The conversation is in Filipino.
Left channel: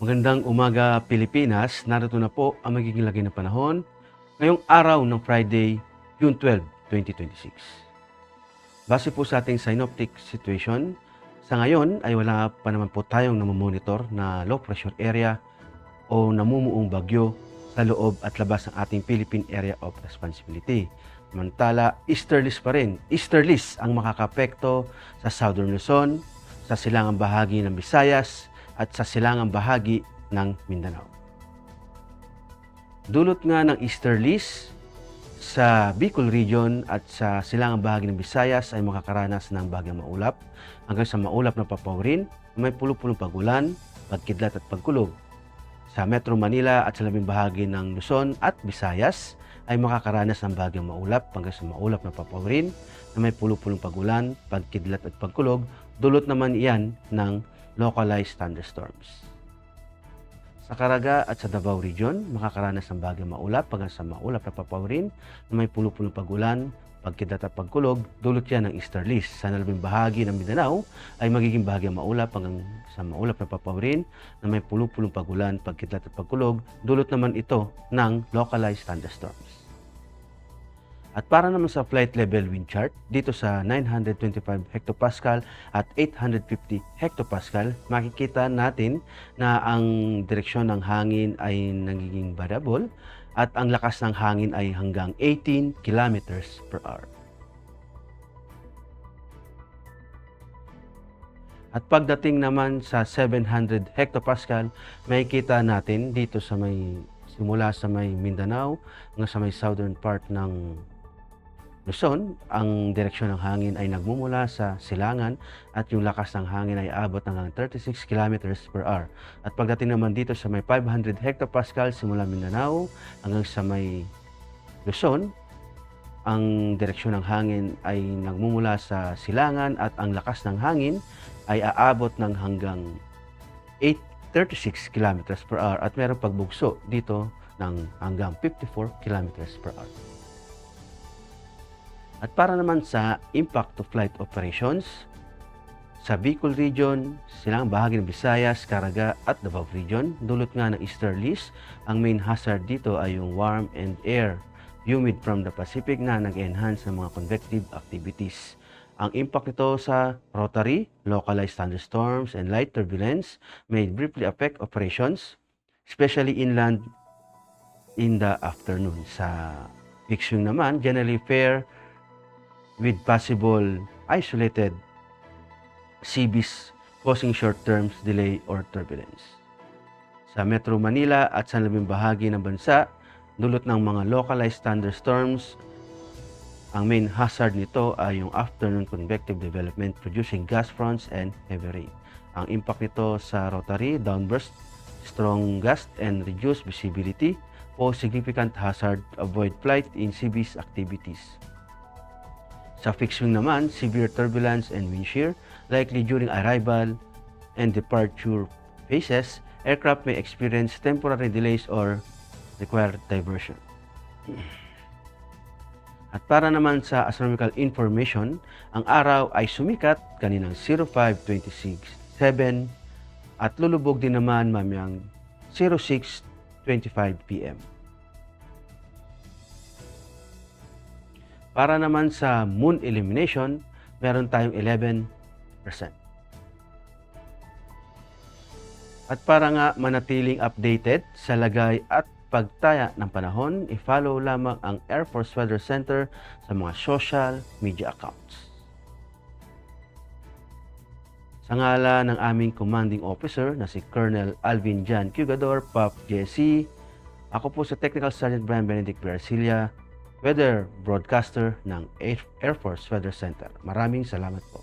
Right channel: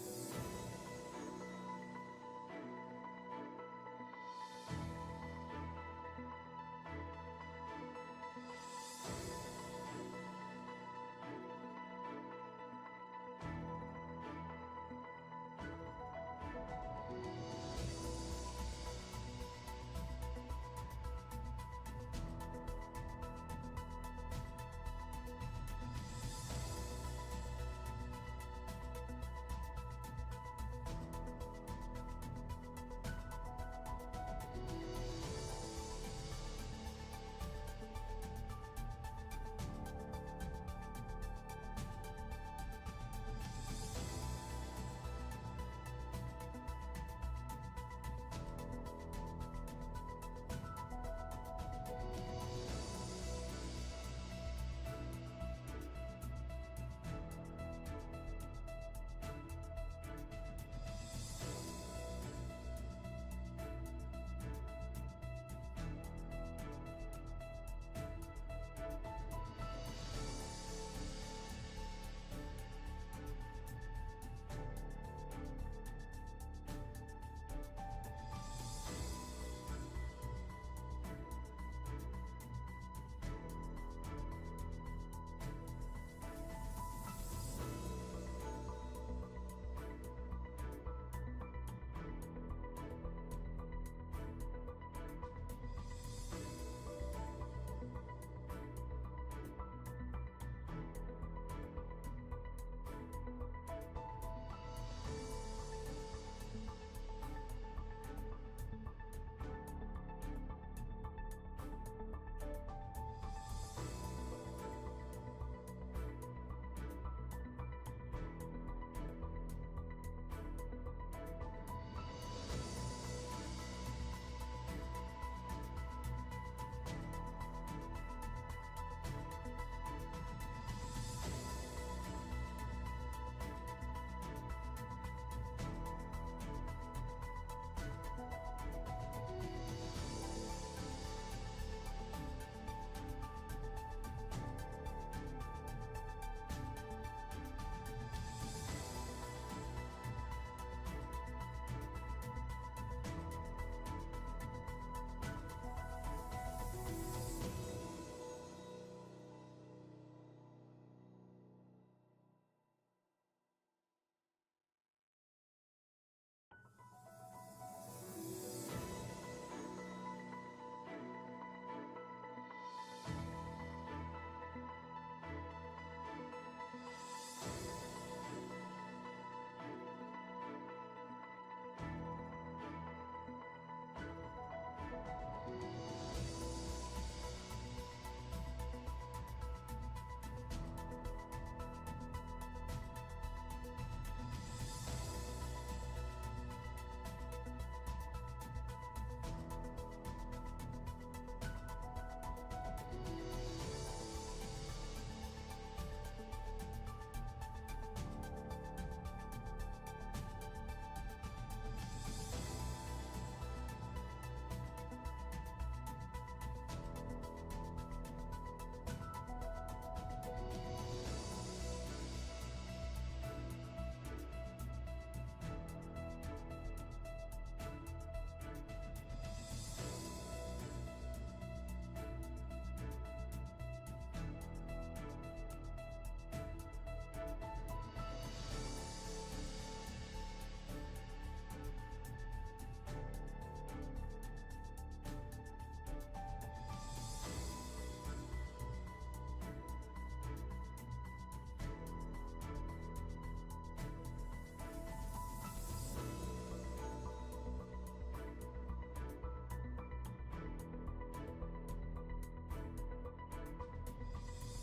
Magandang umaga Pilipinas, narito na po ang magiging lagay ng panahon ngayong araw ng Friday, June 12, 2026. Base po sa ating synoptic situation, sa ngayon ay wala pa naman po tayong namomonitor na low pressure area o namumuong bagyo sa loob at labas ng ating Philippine Area of Responsibility. Samantala, easterlies pa rin. Easterlies ang makakapekto sa Southern Luzon, sa silangang bahagi ng Visayas, at sa silangang bahagi ng Mindanao. Dulot nga ng easterlies sa Bicol Region at sa silangang bahagi ng Visayas ay makakaranas ng bagyang maulap hanggang sa maulap na papawirin, may pulupulong pagulan, pagkidlat at pagkulog. Sa Metro Manila at sa labing bahagi ng Luzon at Visayas ay makakaranas ng bagyang maulap hanggang sa maulap na papawirin na may pulupulong pagulan, pagkidlat at pagkulog. Dulot naman iyan ng localized thunderstorms. Sa Caraga at sa Davao Region, makakaranas ng bagyang maulap hanggang sa maulap na papawirin na may pulupulong pagulan, pagkidlat at pagkulog. Dulot yan ng easterlies. Sa nalabing bahagi ng Mindanao ay magiging bagyang maulap hanggang sa maulap na papawirin na may pulupulong pagulan, pagkidlat at pagkulog. Dulot naman ito ng localized thunderstorms. At para naman sa flight level wind chart, dito sa 925 hectopascal at 850 hectopascal, makikita natin na ang direksyon ng hangin ay nagiging variable at ang lakas ng hangin ay hanggang 18 kilometers per hour. At pagdating naman sa 700 hectopascal, makikita natin dito sa simula sa may Mindanao hanggang sa may southern part ng Luzon, ang direksyon ng hangin ay nagmumula sa silangan at yung lakas ng hangin ay abot ng 36 kilometers per hour. At pagdating naman dito sa may 500 hectopascal simula Mindanao hanggang sa may Luzon, ang direksyon ng hangin ay nagmumula sa silangan at ang lakas ng hangin ay aabot ng hanggang 36 kilometers per hour at mayroong pagbugso dito ng hanggang 54 kilometers per hour. At para naman sa impact to flight operations, sa Bicol Region, silang bahagi ng Visayas, Caraga at Davao Region, dulot nga ng easterlies, ang main hazard dito ay yung warm and air humid from the Pacific na nag-enhance ng mga convective activities. Ang impact nito sa rotary, localized thunderstorms, and light turbulence may briefly affect operations, especially inland in the afternoon. Sa fixed wing naman, generally fair with possible isolated CBs causing short-term delay or turbulence. Sa Metro Manila at sa labing bahagi ng bansa, dulot ng mga localized thunderstorms, ang main hazard nito ay yung afternoon convective development producing gas fronts and heavy rain. Ang impact nito sa rotary, downburst, strong gust and reduced visibility o significant hazard, avoid flight in CBs activities. Sa fixed wing naman, severe turbulence and wind shear, likely during arrival and departure phases, aircraft may experience temporary delays or require diversion. At para naman sa astronomical information, ang araw ay sumikat kaninang 05:26 7 at lulubog din naman mamayang 06:25 p.m. Para naman sa moon illumination, meron tayong 11%. At para nga manatiling updated sa lagay at pagtaya ng panahon, i-follow lamang ang Air Force Weather Center sa mga social media accounts. Sa ngala ng aming commanding officer na si Colonel Alvin Jan Cugador, PAP JC, ako po sa Technical Sergeant Brian Benedict Garcia, Weather Broadcaster ng Air Force Weather Center. Maraming salamat po.